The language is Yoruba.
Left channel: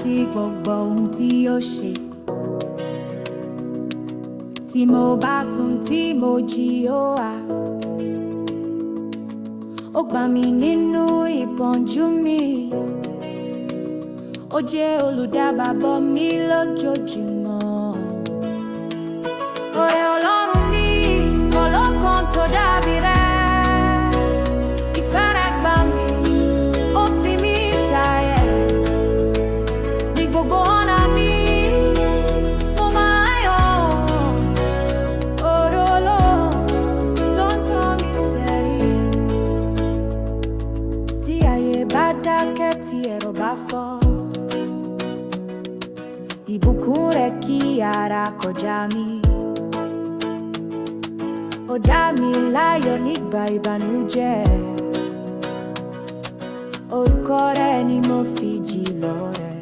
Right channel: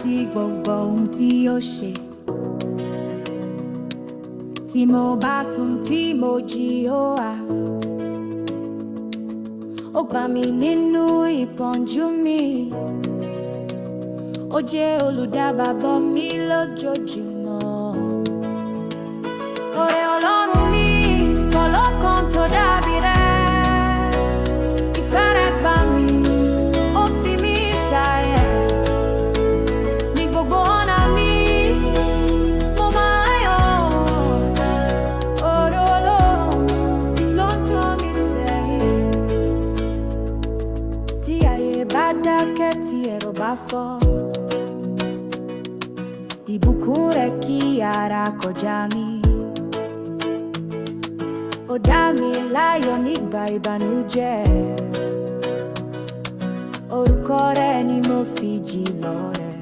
rántí gbogbo ohun tí ó ṣe. Tí mo bá sùn tí mo jí ó wá. Ó gbà mí nínú ìpọ́njú mi. Ó jẹ́ olùdábàbọ̀ mi lójoojúmọ́. Oore Ọlọ́run mi kò lọ́kàn tó dàbí rẹ̀. Ìfẹ́ rẹ̀ gbà mí, ó fi mí sáyé. Ní gbogbo ọ̀nà mi, mo máa yọ̀. Oore Ọlọ́run ló ń tọ́ mi sẹ́yìn. Tí ayé bá dákẹ́, tí ẹ̀rọ bá fọ́, ìbùkún rẹ̀ kí ara kọjá mi. Ó dá mi láyọ̀ nígbà ìbànújẹ́. Orúkọ rẹ̀ ni mo fi jí lọ́rẹ.